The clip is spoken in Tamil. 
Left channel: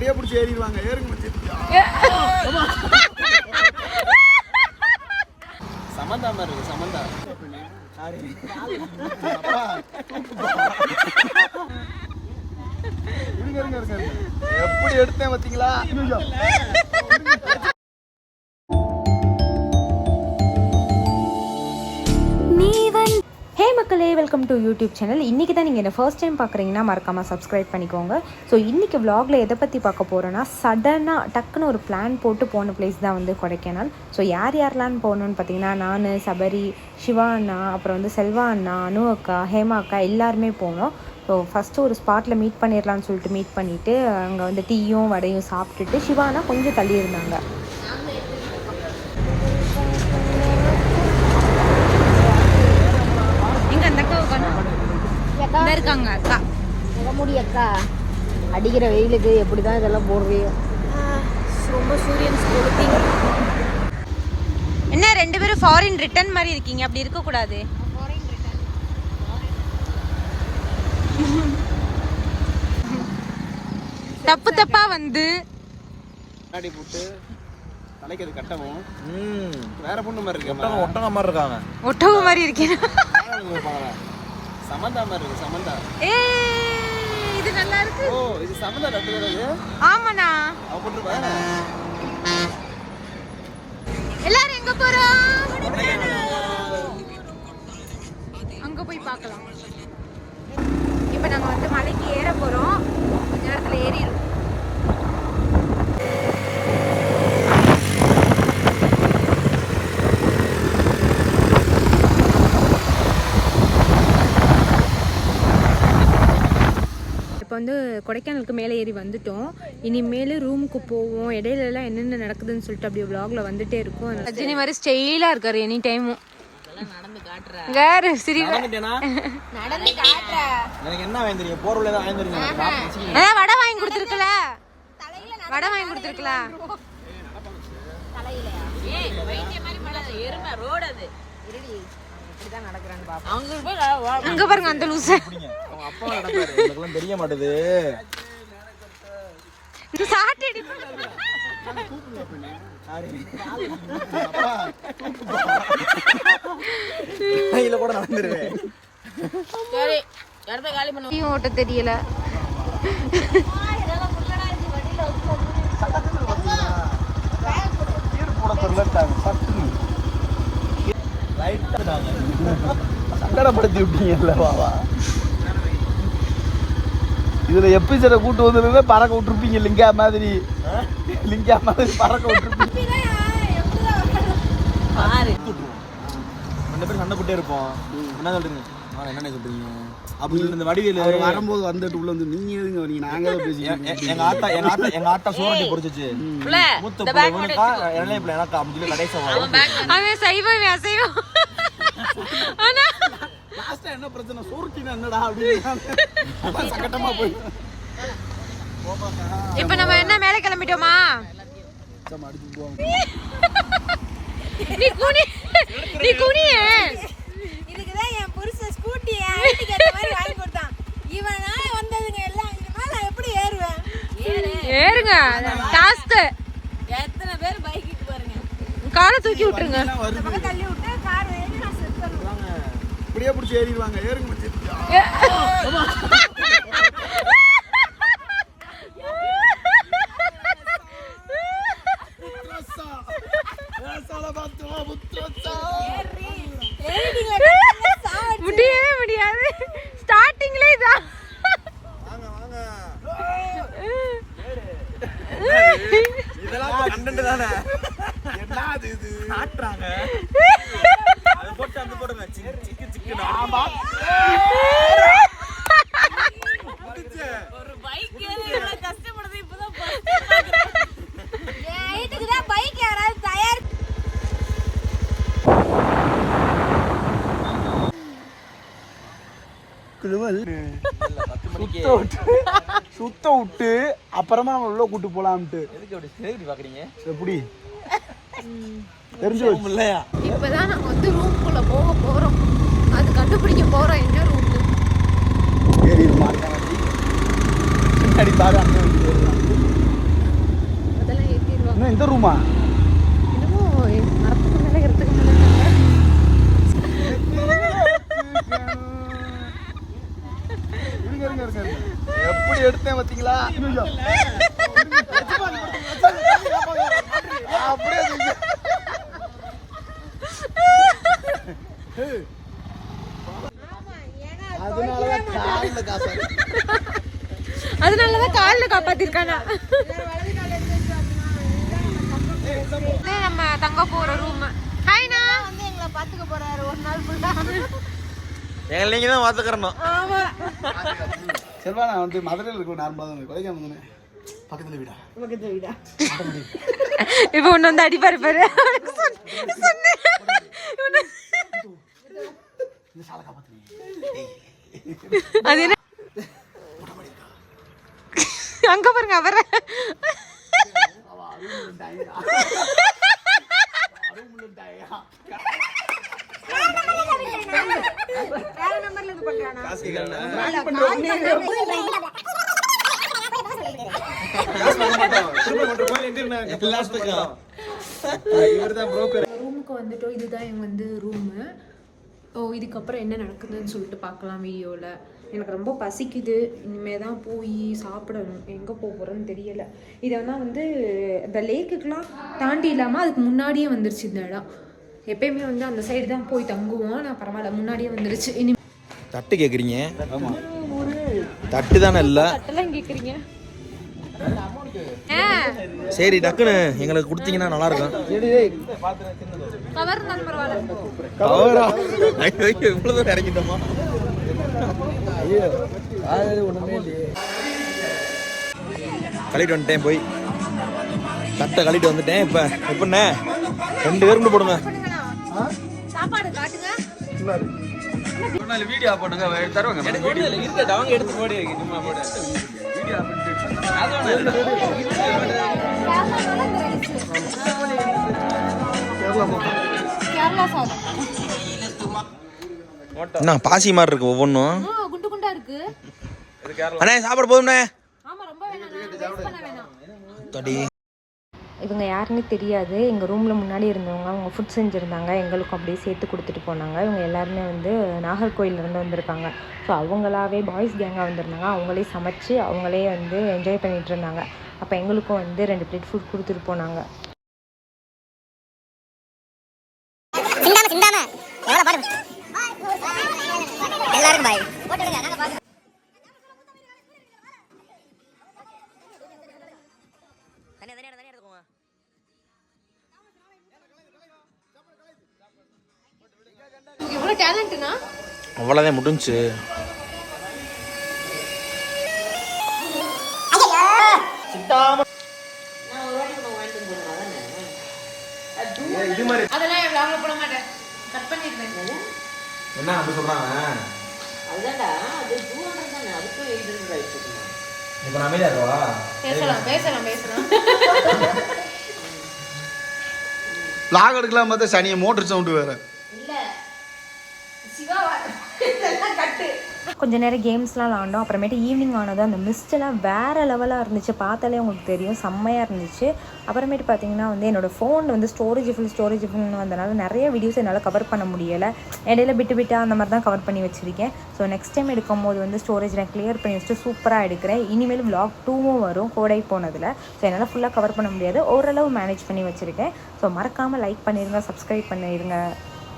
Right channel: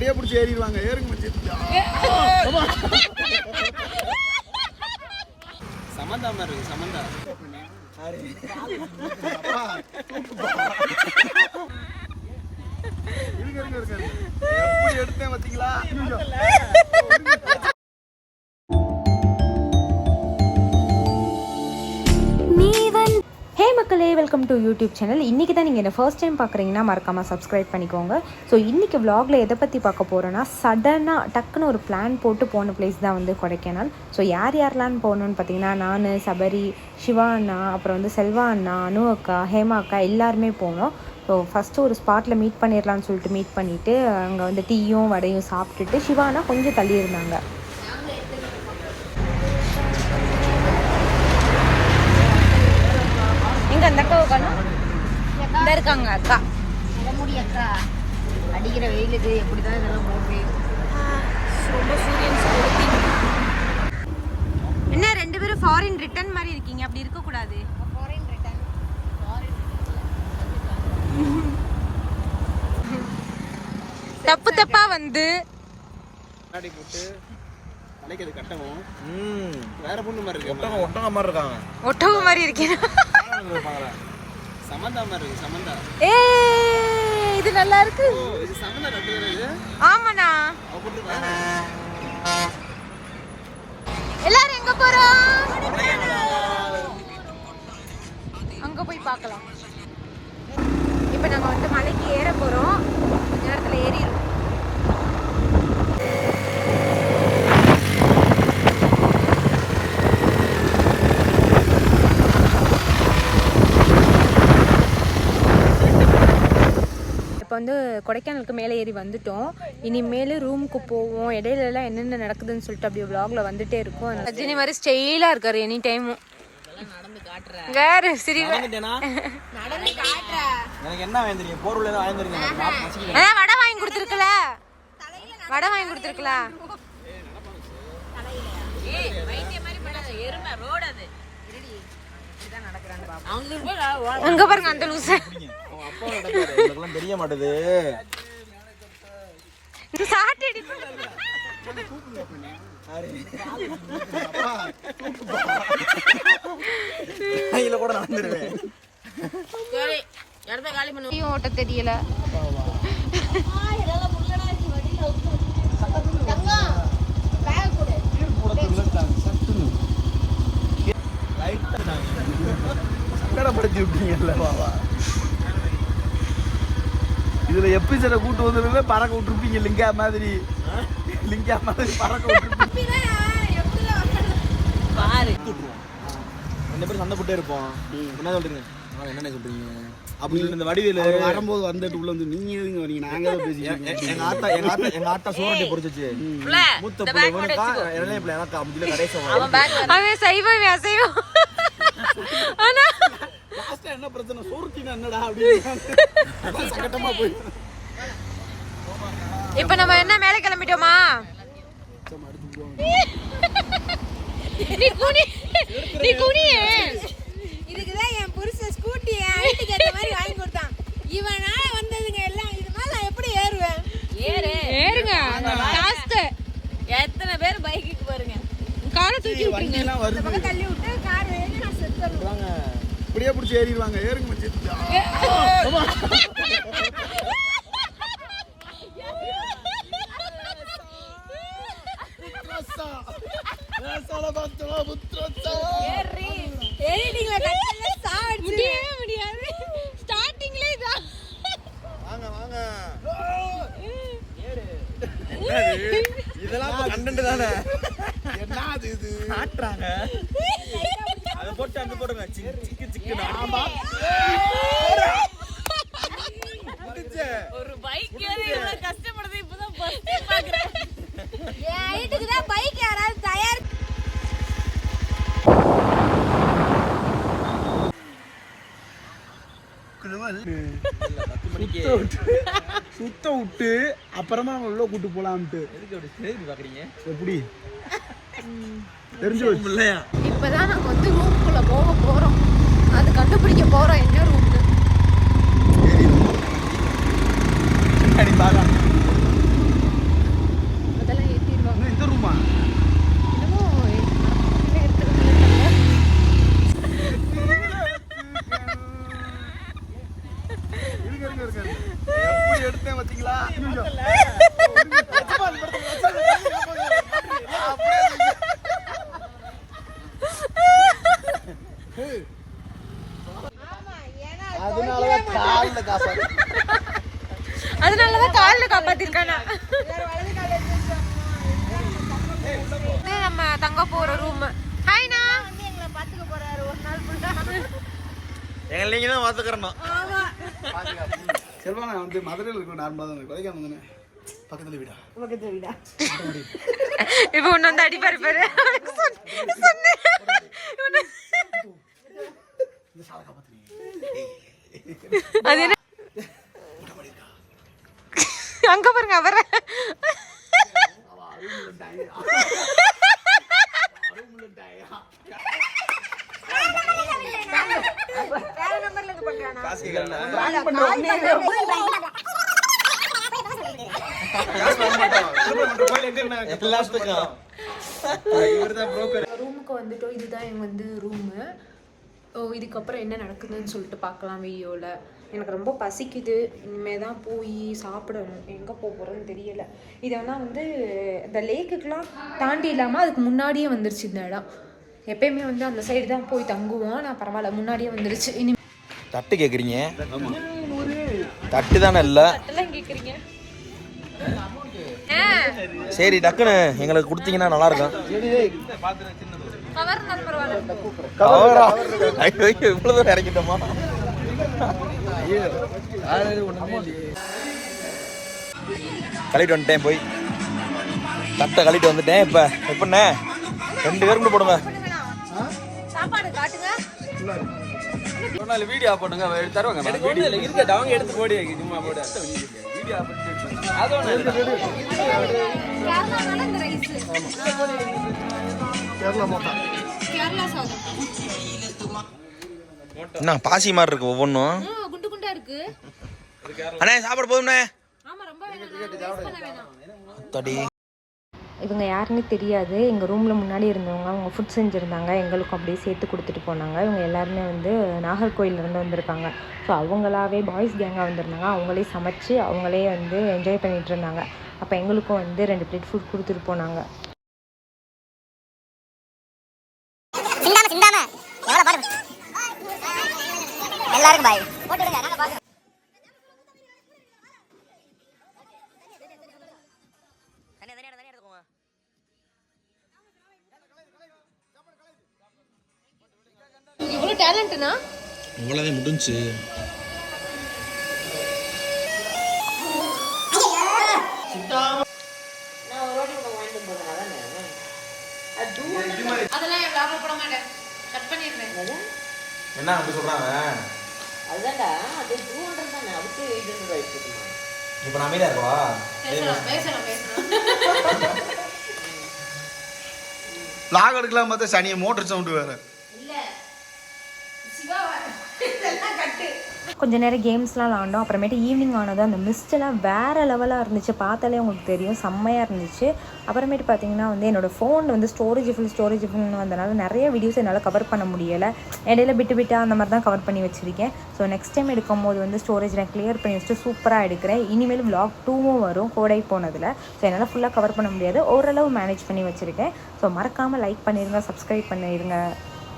இப்படியே பிடிச்சி ஏறிடுவாங்க. ஏறுங்க மச்சி. சமந்தா மாதிரி இருக்கு. சமந்தா எப்படி எடுத்தேன் பாத்தீங்களா? ஹே மக்களே, வெல்கம் டு யூடியூப் சேனல். இன்றைக்கி தான் நீங்கள் என்ன ஃபர்ஸ்ட் டைம் பார்க்குறீங்கன்னா மறக்காமல் சப்ஸ்கிரைப் பண்ணிக்கோங்க. ஸோ இன்றைக்கி vlogல எதை பற்றி பார்க்க போகிறோன்னா, சடனாக டக்குன்னு ஒரு பிளான் போட்டு போன பிளேஸ் தான் வந்து கொடைக்கானல். ஸோ யாரெல்லாம் போகணுன்னு பார்த்தீங்கன்னா, நான், சபரி, சிவா அண்ணா, அப்புறம் வந்து செல்வா அண்ணா, அனு அக்கா, ஹேமா அக்கா எல்லாருமே போனோம். ஸோ ஃபஸ்ட்டு ஒரு ஸ்பாட்டில் மீட் பண்ணிடலான்னு சொல்லிட்டு மீட் பண்ணிவிட்டு அங்கே வந்து டீயும் வடையும் சாப்பிட்டுட்டு சிவா அண்ணா கொஞ்சம் தள்ளி இருந்தாங்க. அந்த அக்கா உட்காந்து இருக்காங்க. அக்கா அக்கா அடிக்கிற வெயிலுக்கு எப்படிதான் இதெல்லாம் போடுறியோ, ரொம்ப சூரியன் என்ன 2 பேரும் ஃபாரின் ரிட்டர்ன் மாதிரி இருக்கீங்க. அப்படி இருக்க கூடாது. தப்பு தப்பா வந்து போட்டு தலைக்கு கட்டவும் வேற பொண்ணு மாதிரி இருக்கு. ஒட்டக மாதிரி இருக்காங்க. ஒட்டக மாதிரி இருக்கீங்க. சமந்தா மாதிரி இருக்கு. சமந்தா இது நல்லா இருக்கு. ஓ, இது சமந்தா கட்டுறது. ஆமாண்ணா. அவ போட்டுருக்காங்க. எல்லாரும் எங்க போறோம்? அங்க போய் பார்க்கலாம். இப்ப நாங்க வந்து மலைக்கு ஏற போறோம். கொஞ்ச நேரத்துல ஏறிடும். இப்போ வந்து கொடைக்கானலுக்கு மேலே ஏறி வந்துட்டோம். இனிமேல் ரூமுக்கு போவோம். இடையிலலாம் என்னென்ன நடக்குதுன்னு சொல்லிட்டு அப்படியே vlogல வந்துட்டே இருக்கும். ரஜினி மாதிரி ஸ்டைலாக இருக்காரு எனி டைமும். வேறு சிரிவா வடை வாங்கி கொடுத்துருக்கல. வடை வாங்கி கொடுத்துருக்கல. அங்க பாருங்க அந்த லூசு. தெரிய மாட்டேது. தெரியல. சங்கடப்படுத்தி விட்டீங்க. இதுல எபிசோட கூட்டு வந்து பறக்க விட்டுருப்பீங்க. லிங்கா மாதிரி பறக்க விட்டுருப்பீங்க. ரெண்டு பேரும் சண்டை போட்டே இருப்போம். என்ன சொல்றீங்க? என்ன சொல்றீங்க? அப்படி இந்த வடிவேல வரும்போது வந்துட்டு உள்ள வந்து நீங்க எதுங்க வரீங்க? நாங்க தான் பேசிக்கிறோம். எங்க ஆத்தா சோரட்டி பொரிச்சிச்சு. மூத்த பிள்ளை இவனுக்கா, இளைய பிள்ளை எனக்கா அப்படின்னு கடைசி அவன் சைவம் அசைவம். ஆனா லாஸ்டா என்ன பிரச்சனை? சோறுக்கினா என்னடா அப்படின்னு சங்கட்டமா போய். இப்ப நம்ம என்ன மேல கிளம்பிட்டோமா? நீ குனியே. இதுக்குதான் என் புருஷன் ஸ்கூட்டி வீட்டுக்கு ஏற்ற மாதிரி வாங்கி கொடுத்தான். இவனா வந்ததுங்க எல்லாம். இது மேல நான் எப்படி ஏறுவேன்? ஏறுங்க. டாஸ்க். எத்தனை பேர் பைக்குக்கு பாருங்க. காரை தூக்கி விட்டுருங்க. இந்த பக்கம் தள்ளி விட்டு கார் ஏறி நான் செத்துறேன். இப்படியே பிடிச்சி ஏறிடுவாங்க. ஏறுங்க மச்சி. முடியவே முடியாது. ஸ்டார்டிங்ல இதான். வாங்க வாங்க. இதெல்லாம் கண்டென்ட் தானே. என்ன இது ஆட்றாங்க. அத போட்டு அந்த போடுங்க. சிக்கு சிக்கு ஆமா. ஒரு பைக் ஏறி எவ்வளவு கஷ்டப்படுது இப்பதான் பாக்குறேன். ஏன் ஹைட்டுக்கு தான் பைக் யாராவது தயார். சுத்த விட்டு அப்புறமா நம்ம உள்ள கூட்டு போலாம்ட்டு. பாக்குறீங்க எப்படி தெரிஞ்சு இல்லையா? இப்பதான் நாங்க வந்து ரூம்குள்ள போக போறோம். அது கண்டுபிடிக்க போறோம் என்ன ரூம்னு. அதனாலதான் காலில் காப்பாத்திருக்கானா. நம்ம தங்க போற ரூம். ஹாய்னா நீங்க தான் பாத்துக்கிறோம். செல்வா நான் வந்து மதுரையில் இருக்கிற நார்மலாக தான் கொலைக்காம தானே பக்கத்துல வீடா இப்ப ஒண்ணு வந்து அடிப்பாரு பாரு. அது என்ன அங்க பாருங்க அவர ரூமுக்கு வந்துட்டோம். இதுதான் எங்க வந்து ரூமு. இதுக்கப்புறம் என்ன நடக்குதுன்னு சொல்லிட்டு பார்க்கலாம் வீடியோவில். எனக்கு ரொம்ப பசிக்குது. இனிமேல் தான் போய் சாப்பிடணும். எங்கே போக போகிறேன்னு தெரியலை. இதெல்லாம் வந்து இந்த லேக்குக்கெலாம் தாண்டி இல்லாமல் அதுக்கு முன்னாடியே வந்துருச்சு இந்த இடம். எப்பயுமே வந்து அந்த சைடு தான் போய் தங்குவோம். நான் பரவாயில்ல முன்னாடியே வந்துருச்சு. இனி தட்டு கேக்குறீங்க? தட்டு தானே இல்லை கேட்குறீங்க. சரி டக்குன்னு எங்களுக்கு கொடுத்தீங்கன்னா நல்லா இருக்கும். கவர் இருந்தாலும் பரவாயில்ல. கவரா? ஐயோ இவ்வளவு தூரம் இறக்கிட்டோமா? கழிட்டு வந்துட்டேன். போய் தட்டை கழிட்டு வந்துட்டேன். இப்ப எப்படிண்ணே 2 பேருக்கு போடுங்க. சாப்பாடு காட்டுங்க. வீடியோ போட்டுங்க தருவாங்க. என்ன பாசி மாதிரி இருக்கு ஒவ்வொன்றும். குண்டு குண்டா இருக்கு. அண்ணே சாப்பாடு போதும்ண்ணே. ஆமா ரொம்ப வேணாம். வேஸ்ட் பண்ண வேணாம். தடி இவங்க யாருன்னு தெரியாது. எங்கள் ரூமில் முன்னாடி இருந்தவங்க அவங்க ஃபுட் செஞ்சுருந்தாங்க. எங்களுக்கும் அப்படியே சேர்த்து கொடுத்துட்டு போனாங்க. இவங்க எல்லாருமே வந்து நாகர்கோயிலேருந்து வந்திருக்காங்க. ஸோ அவங்களாவே பாய்ஸ் கேங்காக வந்திருந்தாங்க. அவங்களே சமைச்சு அவங்களே வந்து என்ஜாய் பண்ணிகிட்டு இருந்தாங்க. அப்போ எங்களுக்கும் வந்து 2 பிளேட் ஃபுட் கொடுத்துட்டு போனாங்க. எல்லாரும் பாய். எவ்வளோ டேலண்ட்னா அவ்வளோதான் முடிஞ்சு. அதெல்லாம் வாங்க போட மாட்டேன். கட் பண்ணிடுறேன். என்ன சொல்றாங்க? இப்ப நான் அமைதியா இருக்கவா? பேசலாம். லாக் எடுக்கலாம் பார்த்தா சனியை மோட்டர் சவுண்டு வேற. கொஞ்ச நேரம் கேம்ஸ்லாம் விளாண்டோம். அப்புறமேட்டு ஈவினிங் ஆனதும் அந்த மிஸ்டெல்லாம் வேறு லெவலாக இருந்துச்சு. பார்த்தாலே உங்களுக்கு தெரியும், செம்மையாக இருந்துச்சு. அப்புறமேட்டு பார்த்தீங்கன்னா வந்து என்னோடய ஃபோன் வந்து ஸ்டோரேஜ் ஃபுல்னு வந்தனால நிறைய வீடியோஸ் என்னால் கவர் பண்ண முடியலை. இடையில விட்டு அந்த மாதிரி தான் கவர் பண்ணி வச்சுருக்கேன். ஸோ நெக்ஸ்ட் டைம் எடுக்கும் போது வந்து ஸ்டோரேஜ் நான் கிளியர் பண்ணி வச்சுட்டு சூப்பராக எடுக்கிறேன். இனிமேல் vlog 2வும் வரும் கோடை போனதில். ஸோ என்னால் ஃபுல்லாக கவர் பண்ண முடியாது, ஓரளவு மேனேஜ் பண்ணி வச்சுருக்கேன். ஸோ மறக்காமல் லைக் பண்ணிடுங்க, சப்ஸ்கிரைப் பண்ணிடுங்க.